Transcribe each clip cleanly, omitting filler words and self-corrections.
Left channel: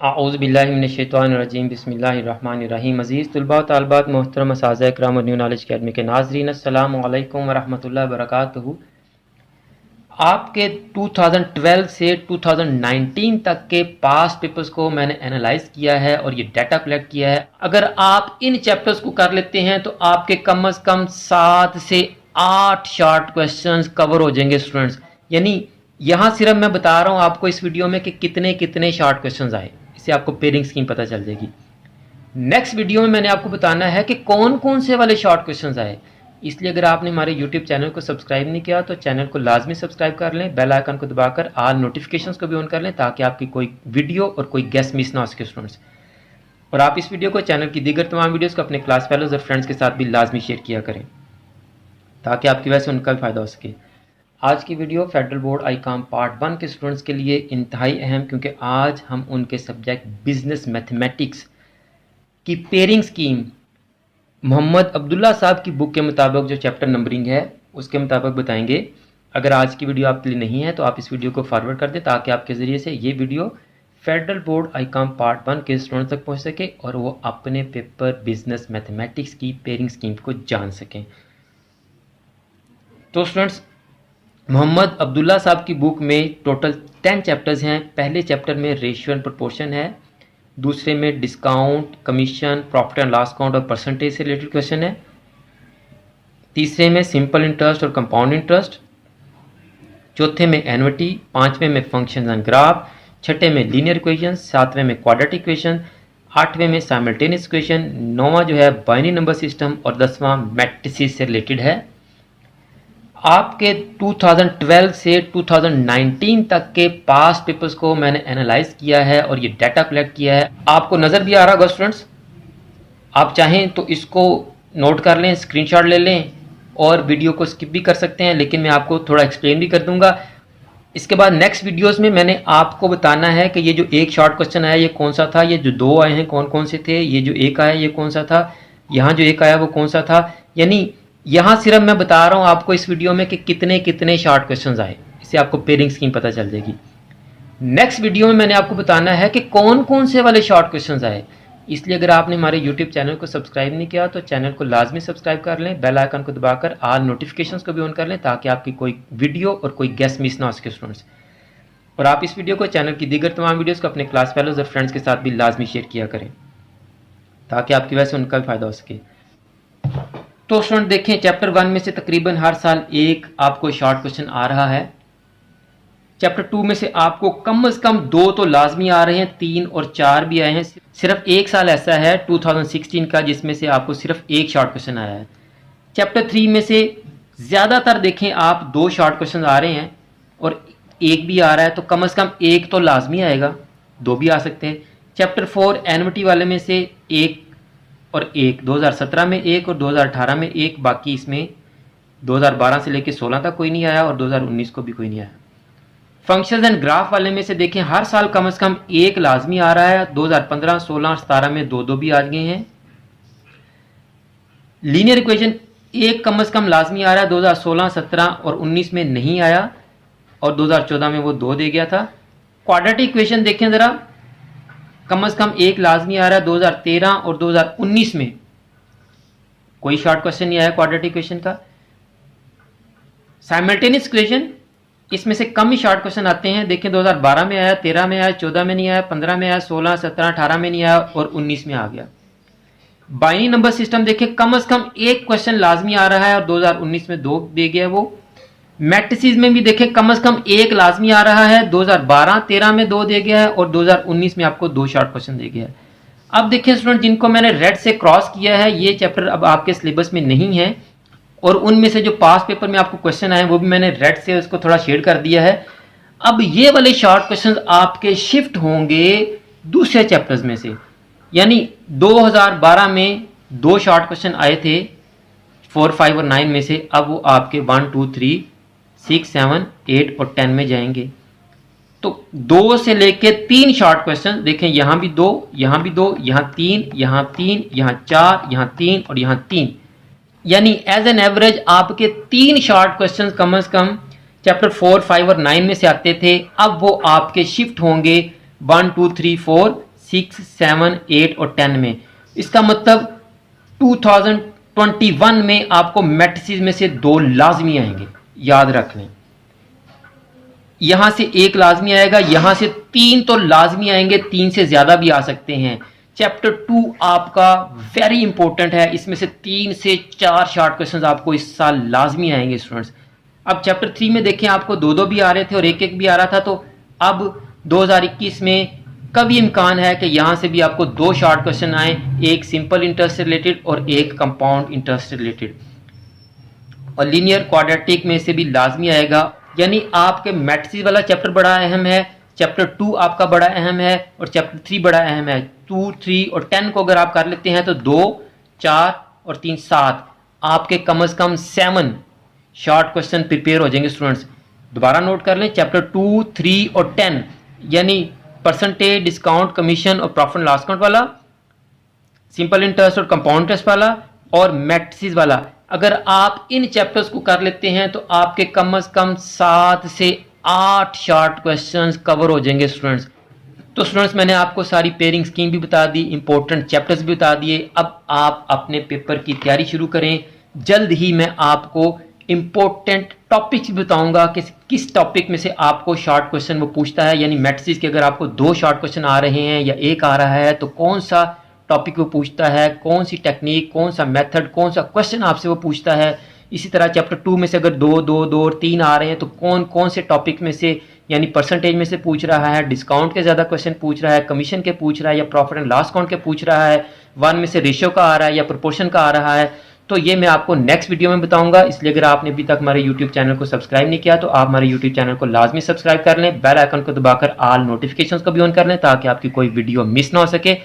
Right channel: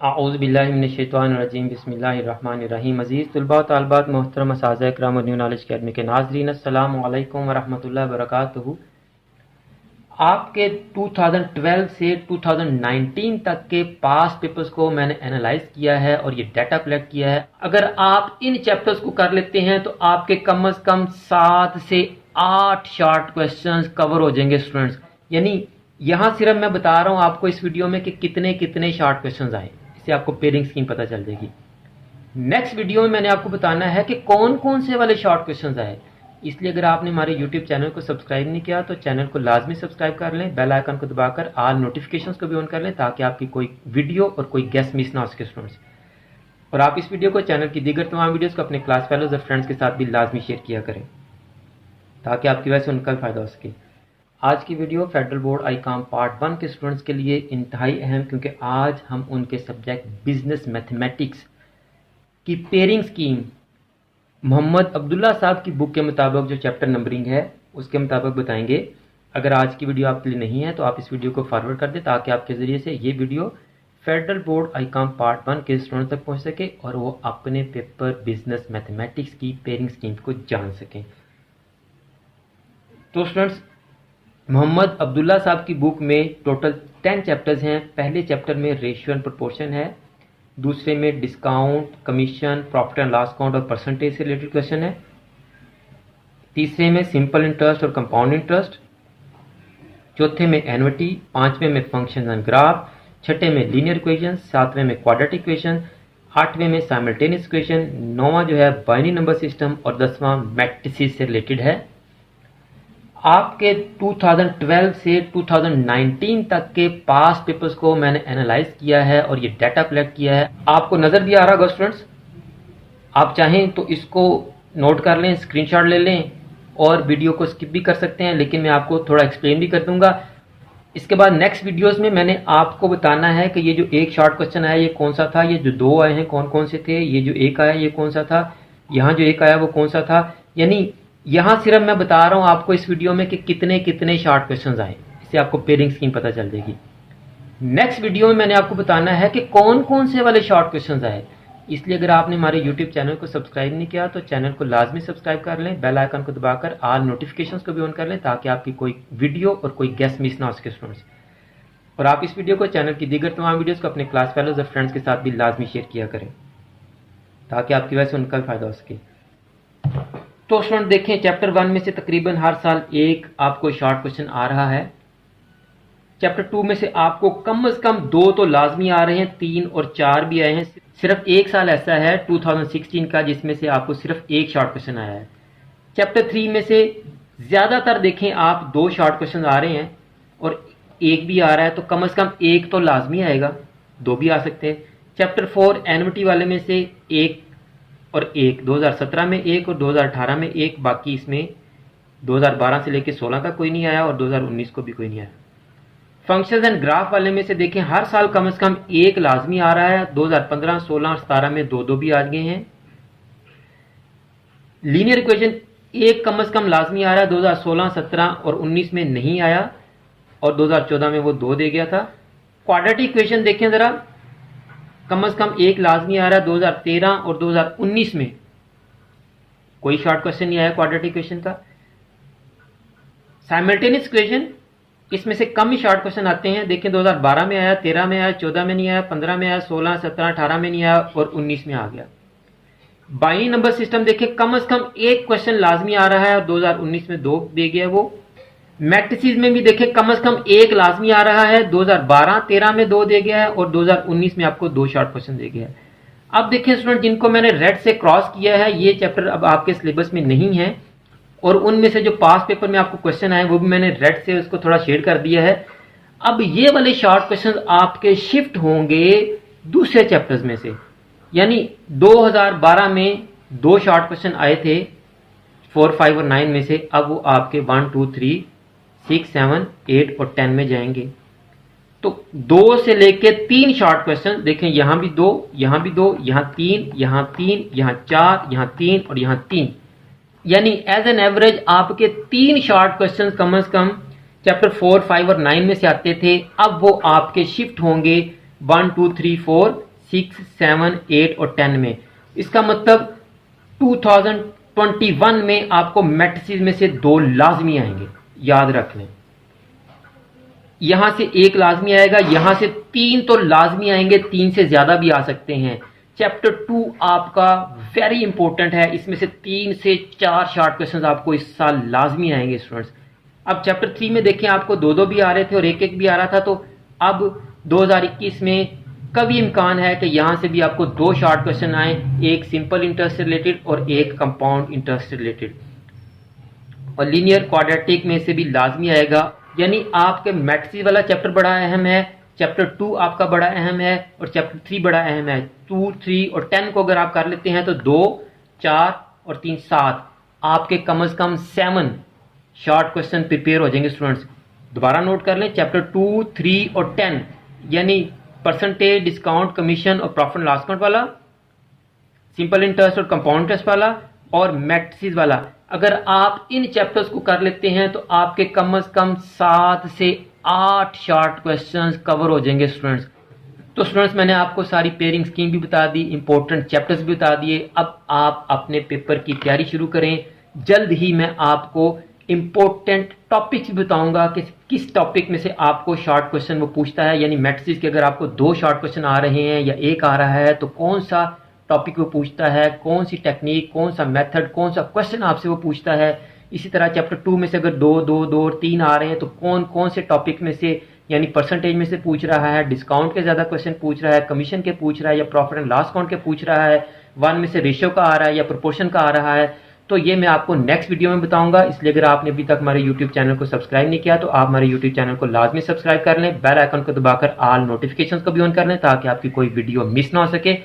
आऊज़ुबिल्लाहिमिनश्शैतानिर्रजीम बिस्मिल्लाहिर्रहमानिर्रहीम। अज़ीज़ तलबा व तालिबात, मोहतरम असातिज़ा इकराम और न्यू नॉलेज अकेडमी के नाज़रीन, अस्सलामु अलैकुम व रहमतुल्लाहि व बरकातुहू। आपके 2012 से 2019 तक के पास्ट पेपर्स को मैंने एनालाइज किया है और ये डाटा कलेक्ट किया है। अगर आप इन चैप्टर्स को कर लेते हैं तो आपके कम से कम 7 से 8 शॉर्ट क्वेश्चंस कवर हो जाएंगे स्टूडेंट्स। यानी यहाँ सिर्फ मैं बता रहा हूँ आपको इस वीडियो में कि कितने कितने शॉर्ट क्वेश्चंस आए, इससे आपको पेयरिंग स्कीम पता चल जाएगी। नेक्स्ट वीडियो में मैंने आपको बताना है कि कौन कौन से वाले शॉर्ट क्वेश्चंस आए। इसलिए अगर आपने हमारे यूट्यूब चैनल को सब्सक्राइब नहीं किया तो चैनल को लाजमी सब्सक्राइब कर लें, बेल आइकन को दबाकर ऑल नोटिफिकेशंस को भी ऑन कर लें ताकि आपकी कोई वीडियो और कोई गेस्ट मिस ना हो सके स्टूडेंट्स। और आप इस वीडियो को चैनल की दीगर तमाम वीडियोस को अपने क्लास फेलोज और फ्रेंड्स के साथ भी लाजमी शेयर किया करें ताकि आपकी वजह से उनका भी फ़ायदा हो सके। आज की वीडियो फेडरल बोर्ड आईकाम पार्ट 1 के स्टूडेंट्स के लिए इंतहाई अहम, क्योंकि आज हम उनके सब्जेक्ट बिजनेस मैथमेटिक्स की पेयरिंग स्कीम मोहम्मद अब्दुल्ला साहब की बुक के मुताबिक जो चैप्टर नंबरिंग है उसके मुताबिक बताएंगे। अगर आज की वीडियो आपके लिए नहीं है तो आप इस वीडियो को फॉरवर्ड कर दें ताकि आपके ज़रिए से ये वीडियो फेडरल बोर्ड आईकाम पार्ट 1 के स्टूडेंट्स तक पहुंच सके और वो अपने पेपर बिजनेस मैथमेटिक्स की पेयरिंग स्कीम को जान सकें। तो स्टूडेंट्स, मोहम्मद अब्दुल्ला साहब की बुक में टोटल 10 चैप्टर्स हैं। पहले चैप्टर में रेशियो एंड प्रोपोर्शन है, दूसरे में discount, commission, profit and loss account और परसेंटेज से रिलेटेड क्वेश्चन है, तीसरे में सिंपल इंटरेस्ट और कंपाउंड इंटरेस्ट, चौथे में एन्युटी, पांचवें में फंक्शन एंड ग्राफ, छठे में लीनियर इक्वेशन, सातवें में क्वाड्रेटिक इक्वेशन, आठवें में साइमल्टेनियस इक्वेशन, नौवां जो है बाइनरी नंबर सिस्टम और 10वां मैट्रिसेस से रिलेटेड है। आपके 2012 से 2019 तक के पास्ट पेपर्स को मैंने एनालाइज किया है और ये डाटा कलेक्ट किया है। आपको नज़र भी आ रहा होगा स्टूडेंट्स, आप चाहें तो इसको नोट कर लें, स्क्रीनशॉट ले लें और वीडियो को स्किप भी कर सकते हैं, लेकिन मैं आपको थोड़ा एक्सप्लेन भी कर दूंगा। इसके बाद नेक्स्ट वीडियोस में मैंने आपको बताना है कि ये जो एक शॉर्ट क्वेश्चन आया ये कौन सा था, ये जो दो आए हैं कौन कौन से थे, ये जो एक आया ये कौन सा था, यहाँ जो एक आया वो कौन सा था। यानी यहाँ सिर्फ मैं बता रहा हूँ आपको इस वीडियो में कि कितने कितने शॉर्ट क्वेश्चंस आए, इससे आपको पेयरिंग स्कीम पता चल जाएगी। नेक्स्ट वीडियो में मैंने आपको बताना है कि कौन कौन से वाले शॉर्ट क्वेश्चंस आए। इसलिए अगर आपने हमारे यूट्यूब चैनल को सब्सक्राइब नहीं किया तो चैनल को लाजमी सब्सक्राइब कर लें, बेल आइकन को दबाकर ऑल नोटिफिकेशंस को भी ऑन कर लें ताकि आपकी कोई वीडियो और कोई गेस्ट मिस ना हो सके स्टूडेंट्स। और आप इस वीडियो को चैनल की दीगर तमाम वीडियोस को अपने क्लास फेलोज और फ्रेंड्स के साथ भी लाजमी शेयर किया करें ताकि आपकी वजह से उनका भी फ़ायदा हो सके। तो स्टूडेंट देखें, चैप्टर 1 में से तकरीबन हर साल एक आपको शॉर्ट क्वेश्चन आ रहा है। चैप्टर 2 में से आपको कम से कम 2 तो लाजमी आ रहे हैं, 3 और 4 भी आए हैं। सिर्फ एक साल ऐसा है 2016 का जिसमें से आपको सिर्फ एक शॉर्ट क्वेश्चन आया है। चैप्टर 3 में से ज़्यादातर देखें आप 2 शॉर्ट क्वेश्चन आ रहे हैं और एक भी आ रहा है, तो कम से कम एक तो लाजमी आएगा, 2 भी आ सकते हैं। चैप्टर 4 एन्युटी वाले में से एक और एक, 2017 में एक और 2018 में एक, बाकी इसमें 2012 से लेकर 16 तक कोई नहीं आया और 2019 को भी कोई नहीं आया। फंक्शंस एंड ग्राफ वाले में से देखें हर साल कम से कम एक लाजमी आ रहा है, 2015, 16 और 17 में 2 भी आ गए हैं। लीनियर इक्वेशन एक कम से कम लाजमी आ रहा है, 2016, 17 और 19 में नहीं आया और 2014 में वो 2 दे गया था। क्वाड्रेटिक इक्वेशन देखें ज़रा, कम से कम एक लाजमी आ रहा है, 2013 और 2019 में कोई शॉर्ट क्वेश्चन नहीं आया क्वाड्रेटिक इक्वेशन का। साइमल्टेनियस इक्वेशन इसमें से कम ही शॉर्ट क्वेश्चन आते हैं, देखें 2012 में आया, 13 में आया, 14 में नहीं आया, 15 में आया, 16, 17, 18 में नहीं आया और 19 में आ गया। बाइनरी नंबर सिस्टम देखें कम से कम एक क्वेश्चन लाजमी आ रहा है और 2019 में 2 दे गया वो। मैट्रिसेस में भी देखें कम से कम एक लाजमी आ रहा है, 2012-13 में 2 दे गया है और 2019 में आपको 2 शॉर्ट क्वेश्चन दे गया है। अब देखिए स्टूडेंट, जिनको मैंने रेड से क्रॉस किया है ये चैप्टर अब आपके सिलेबस में नहीं है और उनमें से जो पास पेपर में आपको क्वेश्चन आए वो भी मैंने रेड से उसको थोड़ा शेड कर दिया है। अब ये वाले शॉर्ट क्वेश्चन आपके शिफ्ट होंगे दूसरे चैप्टर्स में से, यानी 2012 में 2 शॉर्ट क्वेश्चन आए थे 4, 5 और 9 में से, अब वो आपके 1, 2, 3, 6, 7, 8 और 10 में जाएंगे। तो 2 से लेके 3 शॉर्ट क्वेश्चन देखें, यहां भी 2, यहां भी 2, यहां 3, यहां 3, यहां 4, यहां 3 और यहां 3, यानी एज एन एवरेज आपके 3 शॉर्ट क्वेश्चन कम से कम चैप्टर 4, 5 और 9 में से आते थे। अब वो आपके शिफ्ट होंगे 1, 2, 3, 4 6, 7, 8 और 10 में। इसका मतलब 2021 में आपको मैट्रिसेस में से 2 लाजमी आएंगे, याद रख लें। यहां से 1 लाजमी आएगा, यहां से 3 तो लाजमी आएंगे, 3 से ज्यादा भी आ सकते हैं। चैप्टर 2 आपका वेरी इंपॉर्टेंट है, इसमें से 3 से 4 शॉर्ट क्वेश्चंस आपको इस साल लाजमी आएंगे स्टूडेंट्स। अब चैप्टर 3 में देखें आपको 2-2 भी आ रहे थे और 1-1 भी आ रहा था, तो अब 2021 में कभी इम्कान है कि यहाँ से भी आपको 2 शॉर्ट क्वेश्चन आए, एक सिंपल इंटरेस्ट से रिलेटेड और एक कंपाउंड इंटरेस्ट से रिलेटेड। और लीनियर क्वाड्रेटिक में से भी लाजमी आएगा, यानी आपके मैट्रिसेस वाला चैप्टर बड़ा अहम है, चैप्टर 2 आपका बड़ा अहम है और चैप्टर 3 बड़ा अहम है। 2, 3 और 10 को अगर आप कर लेते हैं तो 2, 4 और 3, 7 आपके कम से कम 7 शॉर्ट क्वेश्चन प्रिपेयर हो जाएंगे स्टूडेंट्स। दोबारा नोट कर लें, चैप्टर 2, 3 और 10 यानी परसेंटेज, डिस्काउंट, कमीशन और प्रॉफिट एंड लॉस अकाउंट वाला, सिंपल इंटरेस्ट और कंपाउंड इंटरेस्ट वाला और मैट्रिसेस वाला। अगर आप इन चैप्टर्स को कर लेते हैं तो आपके कम से कम 7 से 8 शॉर्ट क्वेश्चंस कवर हो जाएंगे स्टूडेंट्स। तो स्टूडेंट्स मैंने आपको सारी पेयरिंग स्कीम भी बता दी, इंपॉर्टेंट चैप्टर्स भी बता दिए। अब आप अपने पेपर की तैयारी शुरू करें। जल्द ही मैं आपको इंपॉर्टेंट टॉपिक्स भी बताऊंगा कि किस टॉपिक में से आपको शॉर्ट क्वेश्चन वो पूछता है, यानी मैट्रिसेस के अगर आपको 2 शॉर्ट क्वेश्चन आ रहे हैं या 1 आ रहा है तो कौन सा टॉपिक वो पूछता है, कौन सी टेक्निक, कौन सा मेथड, कौन सा क्वेश्चन आपसे वो पूछता है। इसी तरह चैप्टर 2 में से अगर 2, 2, 2 और 3 आ रहे हैं तो कौन कौन से टॉपिक में से, यानी परसेंटेज में से पूछ रहा है, डिस्काउंट के ज़्यादा क्वेश्चन पूछ रहा है, कमीशन के पूछ रहा है या प्रॉफिट एंड लॉस अकाउंट के पूछ रहा है, 1 में से रेशियो का आ रहा है या प्रोपोर्शन का आ रहा है। तो ये मैं आपको नेक्स्ट वीडियो में बताऊंगा। इसलिए अगर आपने अभी तक हमारे यूट्यूब चैनल को सब्सक्राइब नहीं किया तो आप हमारे यूट्यूब चैनल को लाजमी सब्सक्राइब कर लें, बेल आइकन को दबाकर ऑल नोटिफिकेशंस को भी ऑन कर लें ताकि आपकी कोई वीडियो मिस ना हो सके।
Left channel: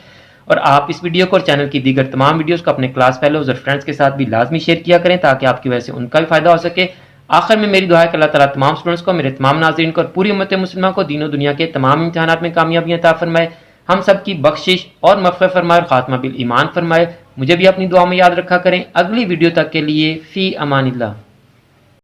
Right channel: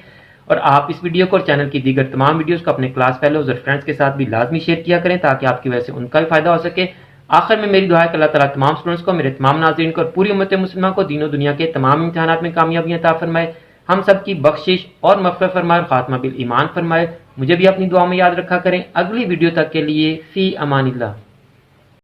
और आप इस वीडियो को और चैनल की दीगर तमाम वीडियोस को अपने क्लास फेलोज और फ्रेंड्स के साथ भी लाजमी शेयर किया करें ताकि आपकी वजह से उनका भी फायदा हो सके। आखिर में मेरी दुआ है कि अल्लाह ताला तमाम स्टूडेंट्स को, मेरे तमाम नाज़रीन को और पूरी उम्मत मुस्लिमा को दीनों दुनिया के तमाम इम्तिहानात में कामयाबियां अता फरमाए, हम सब की बख्शिश और मग़फ़िरत फरमाए और खात्मा बिल ईमान फरमाए। मुझे भी अपनी दुआ में याद रखा करें। अगली वीडियो तक के लिए फ़ी अमानिल्लाह।